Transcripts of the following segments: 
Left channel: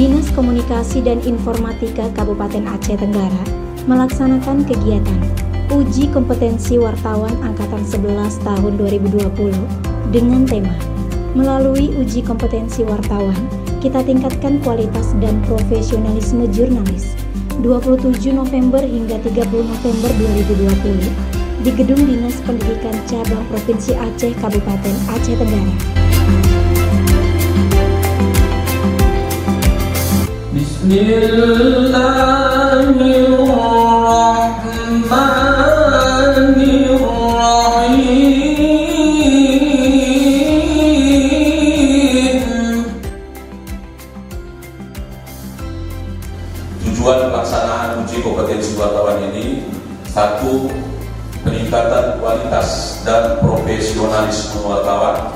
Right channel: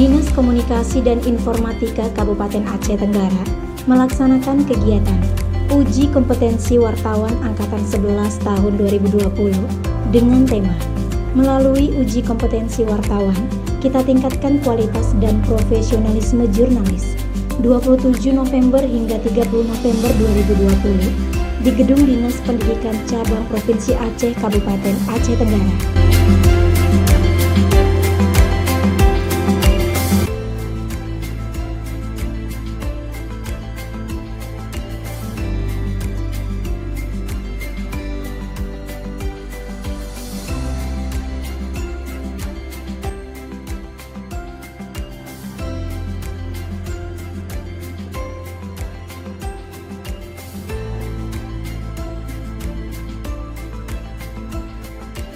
Dinas Komunikasi dan Informatika Kabupaten Aceh Tenggara melaksanakan kegiatan Uji Kompetensi Wartawan Angkatan 11 tahun 2020 dengan tema melalui uji kompetensi wartawan, kita tingkatkan kualitas dan profesionalisme jurnalis 27 November hingga 30 November 2020 di Gedung Dinas Pendidikan Cabang Provinsi Aceh Kabupaten Aceh Tenggara. Tujuan pelaksanaan uji kompetensi wartawan ini, satu, peningkatan kualitas dan profesionalisme wartawan.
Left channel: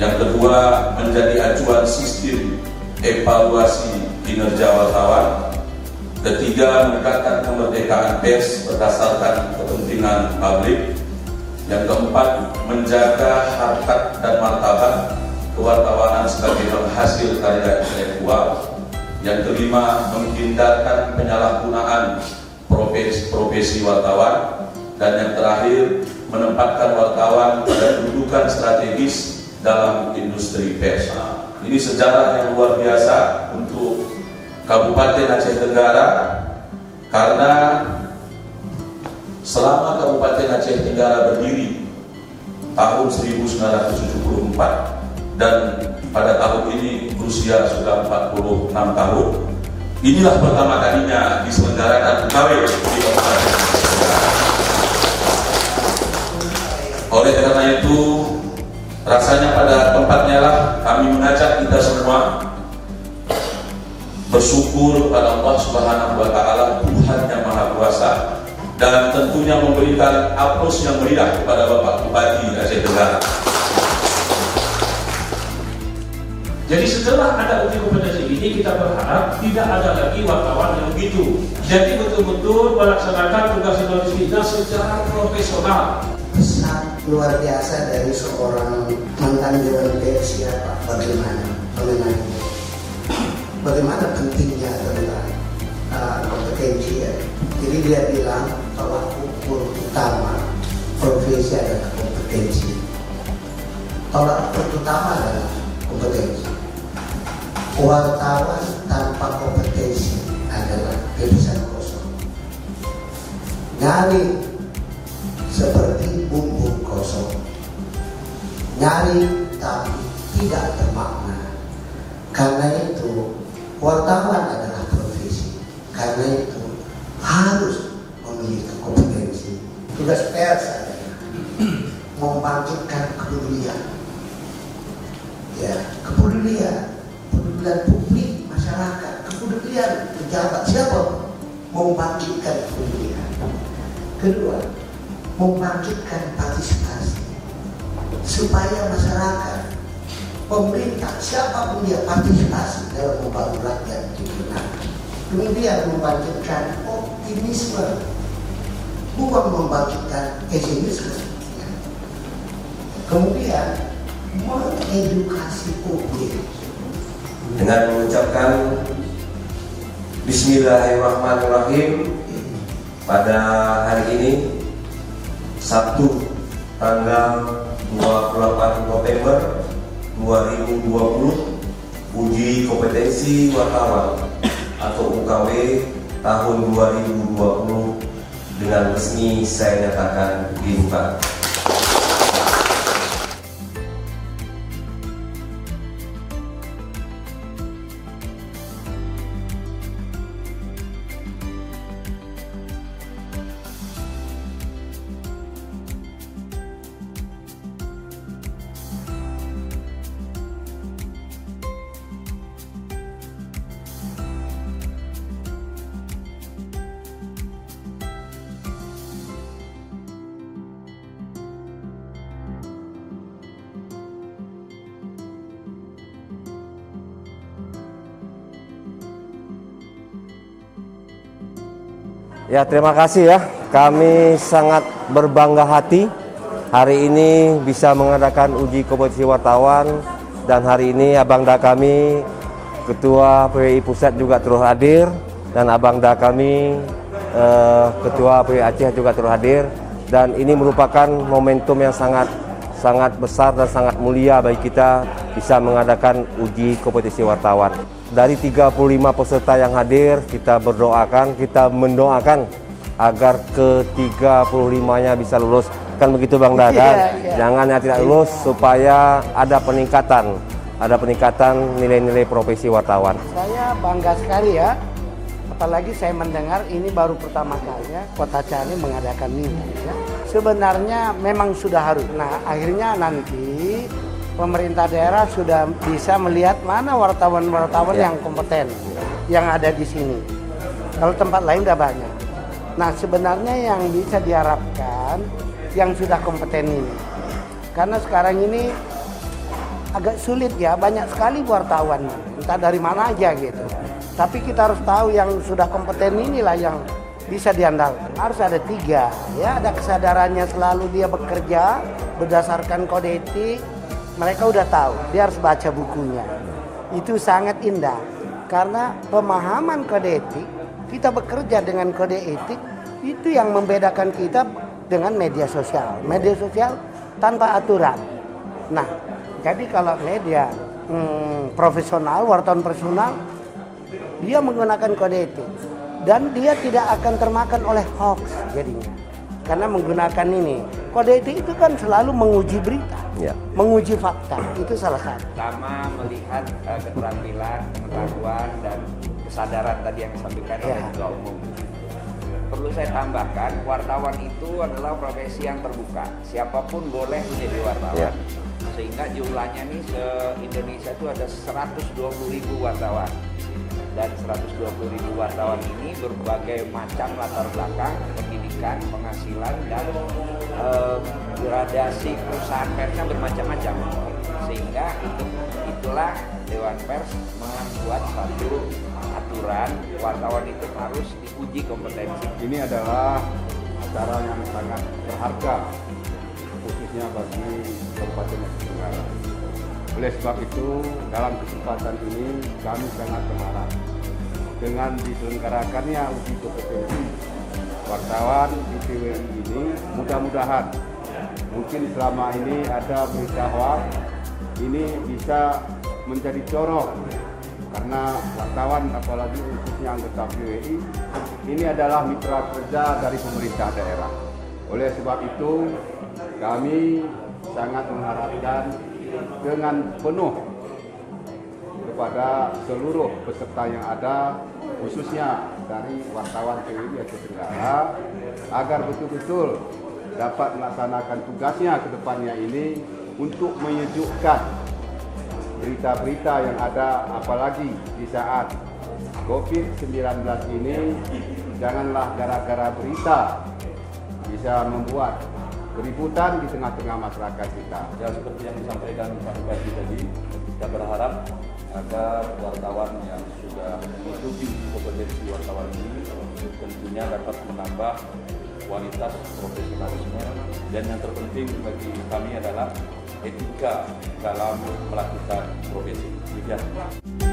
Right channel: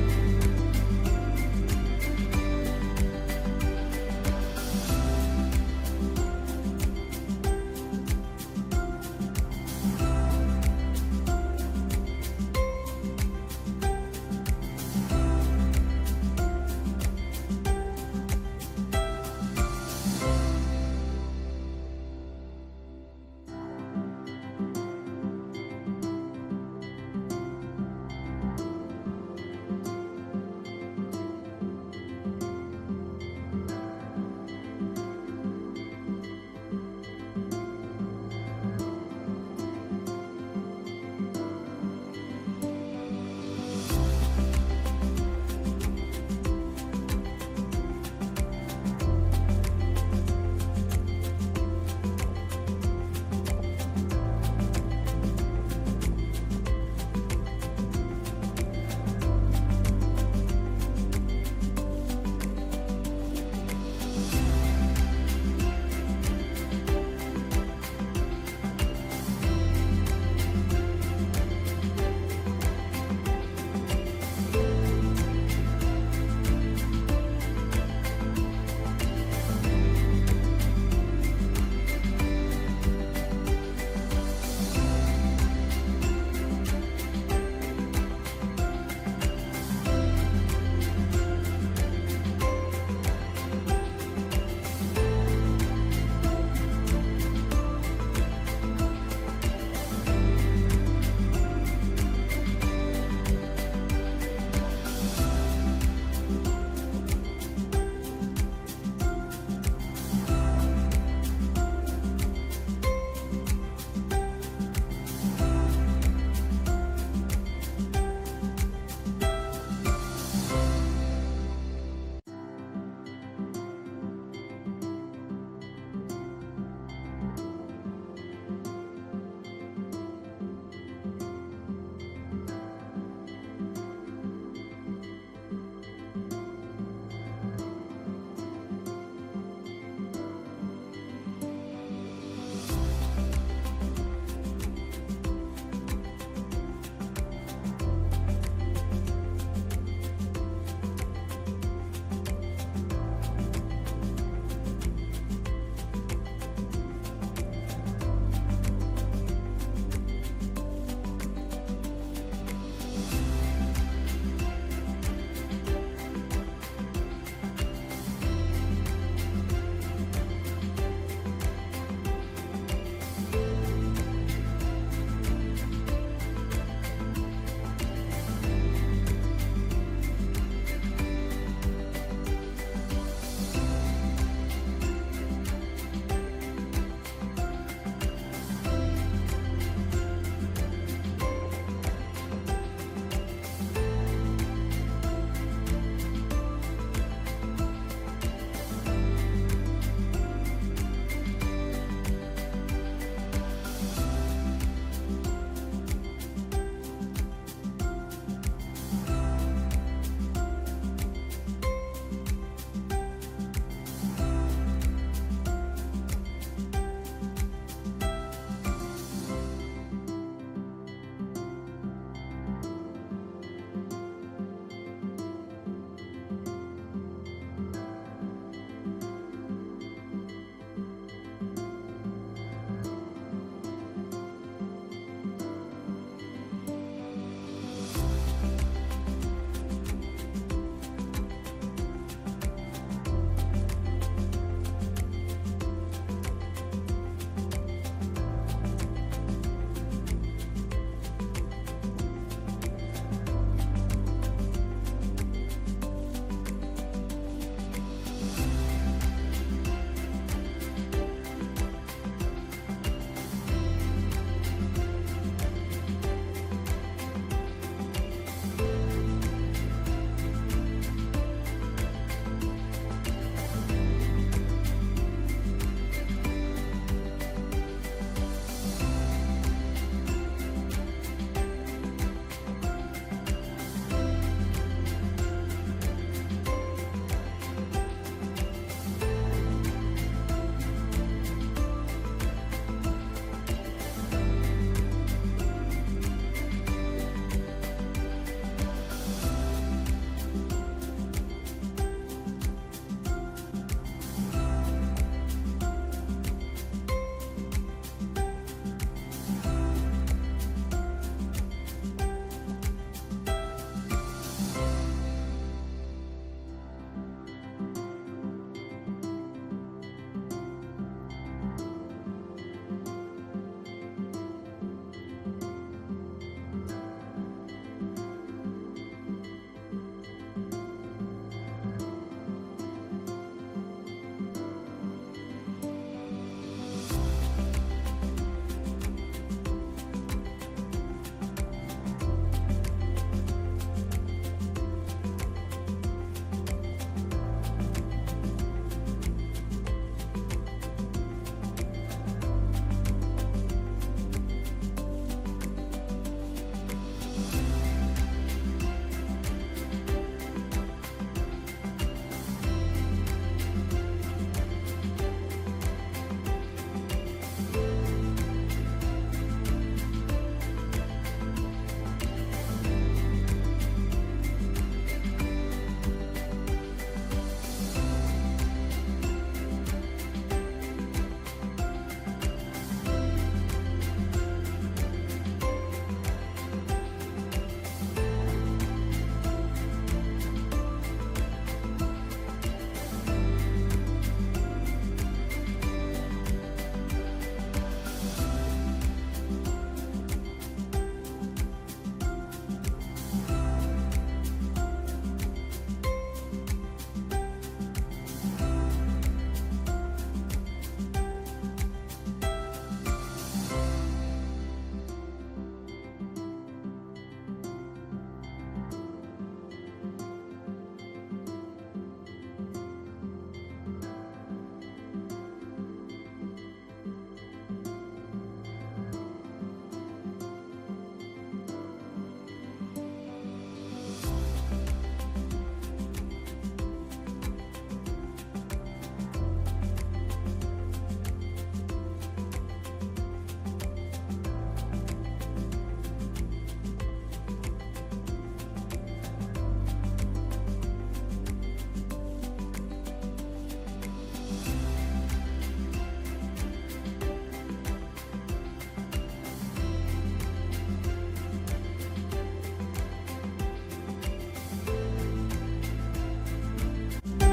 Yang kedua, menjadi acuan sistem evaluasi kinerja wartawan. Ketiga, meningkatkan kemerdekaan pers berdasarkan kepentingan publik. Yang keempat, menjaga harkat dan martabat kewartawanan sebagai penghasil karya intelektual. Yang kelima, menghindarkan penyalahgunaan profesi wartawan. Dan yang terakhir, menempatkan wartawan pada kedudukan strategis dalam industri pers. Ini sejarah yang luar biasa untuk Kabupaten Aceh Tenggara, karena selama Kabupaten Aceh Tenggara berdiri tahun 1974 dan pada tahun ini usia sudah 46 tahun. Inilah pertama kalinya diselenggarakan UKW di Kabupaten. Oleh karena itu, rasanya pada tempatnya lah kami mengajak kita semua bersyukur kepada Allah Subhanahu wa Ta'ala, Tuhan yang Maha Kuasa, dan tentunya memberikan aplaus yang meriah kepada Bapak Bupati Aceh Tenggara. Jadi setelah ada uji kompetensi ini, kita berharap tidak ada lagi wartawan yang begitu. Jadi betul-betul melaksanakan tugas jurnalis kita secara profesional. Pesan luar biasa dari seorang mantan jurnalis ya Pak, bagaimana pentingnya tentang kompetensi ya. Jadi dia bilang tolak ukur utama profesi adalah kompetensi. Tolak ukur utama adalah kompetensi. Wartawan tanpa kompetensi adalah tulisan kosong. Nyari seperti bumbu kosong. Nyari tapi tidak bermakna. Karena itu wartawan adalah profesi. Karena itu harus memiliki kompetensi. Tugas pers adalah membangkitkan kepedulian. Ya, kepedulian publik, masyarakat, kepedulian pejabat siapa membangkitkan kepedulian. Kedua, membangkitkan partisipasi supaya masyarakat, pemerintah, siapapun dia partisipasi dalam membangun rakyat kita. Kemudian membangkitkan optimisme, bukan membangkitkan pesimisme. Kemudian mengedukasi publik dengan mengucapkan Bismillahirrahmanirrahim. Pada hari ini Sabtu tanggal 28 November 2020, uji kompetensi wartawan atau UKW tahun 2020 dengan resmi saya nyatakan dibuka. Ya, terima kasih ya. Kami sangat berbangga hati hari ini bisa mengadakan uji kompetensi wartawan, dan hari ini Abangda kami Ketua PWI Pusat juga turut hadir, dan Abangda kami, Ketua PWI Aceh juga turut hadir. Dan ini merupakan momentum yang sangat besar dan sangat mulia bagi kita bisa mengadakan uji kompetensi wartawan. Dari 35 peserta yang hadir, kita mendoakan agar ke-35-nya bisa lulus. Kan begitu Bang Da, kan? Jangan yang tidak lulus supaya ada peningkatan nilai-nilai profesi wartawan. Saya bangga sekali ya, apalagi saya mendengar ini baru pertama kali ya Kota Cani mengadakan ini. Ya. Sebenarnya memang sudah harus. Nah, akhirnya nanti pemerintah daerah sudah bisa melihat mana wartawan-wartawan yang kompeten yang ada di sini. Kalau tempat lain udah banyak. Nah, sebenarnya yang bisa diharapkan yang sudah kompeten ini. Karena sekarang ini agak sulit ya, banyak sekali wartawan, entah dari mana aja gitu. Tapi kita harus tahu yang sudah kompeten inilah yang bisa diandalkan. Harus ada 3, ya, ada kesadarannya selalu dia bekerja berdasarkan kode etik. Mereka udah tahu, dia harus baca bukunya. Itu sangat indah, karena pemahaman kode etik, kita bekerja dengan kode etik, itu yang membedakan kita dengan media sosial. Media sosial tanpa aturan. Nah, jadi kalau media profesional, wartawan profesional, dia menggunakan kode etik. Dan dia tidak akan termakan oleh hoax jadinya. Karena menggunakan ini. Kode etik itu kan selalu menguji berita, menguji fakta. Itu salah satu. Pertama melihat keterampilan, pengetahuan, dan kesadaran tadi yang disampaikan oleh Ketua Umum. Perlu saya tambahkan, wartawan itu adalah profesi yang terbuka. Siapapun boleh menjadi wartawan. Sehingga jumlahnya nih se-Indonesia itu ada 120.000 wartawan. Dan 120.000 wartawan ini berbagai macam latar belakang, pendidikan, penghasilan, dan gradasi perusahaan persnya bermacam-macam. Sehingga itulah Dewan Pers membuat satu aturan wartawan itu harus diuji kompetensi. Ini adalah acara yang sangat berharga, khususnya bagi Kabupaten Aceh Tenggara. Oleh sebab itu, dalam kesempatan ini kami sangat berharap dengan diselenggarakannya uji kompetensi wartawan di PWI ini, mudah-mudahan mungkin selama ini ada berita hoax, ini bisa menjadi corong, karena wartawan apalagi khususnya anggota PWI ini adalah mitra kerja dari pemerintah daerah. Oleh sebab itu kami sangat mengharapkan dengan penuh kepada seluruh peserta yang ada, khususnya dari wartawan PWI Aceh Tenggara, agar betul-betul dapat melaksanakan tugasnya ke depannya ini untuk menyejukkan berita-berita yang ada, apalagi di saat COVID-19 ini. Janganlah gara-gara berita bisa membuat keributan di tengah-tengah masyarakat kita. Ya, seperti yang disampaikan Pak Bupati tadi, kita berharap agar wartawan yang sudah mengikuti kompetensi wartawan ini tentunya dapat menambah kualitas profesionalisme, dan yang terpenting bagi kami adalah etika dalam melakukan profesi.